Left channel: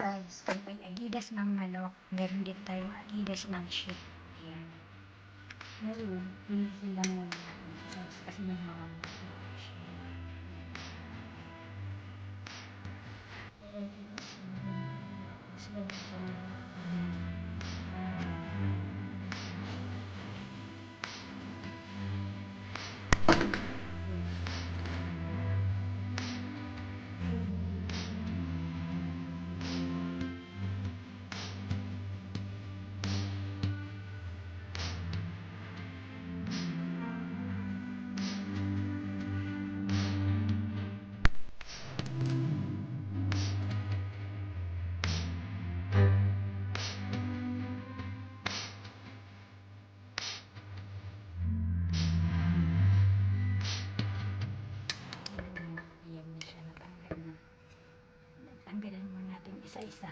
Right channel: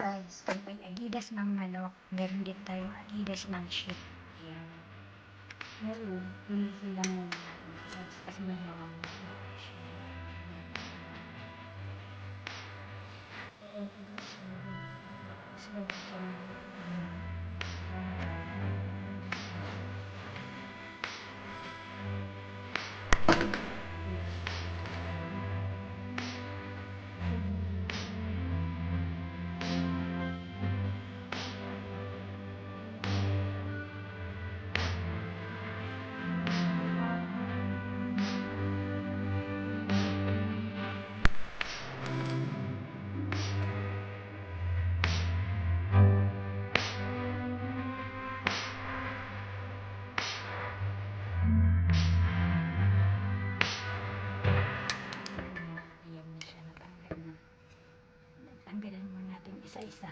fries. Pag may agidas ng manok, meron din tayong agidas ng sheep. Yan. Meron. Tuloy sila muna. Kasi may mga Ayan na siya, natanggal na. Tanggalan mo natin isa-isa.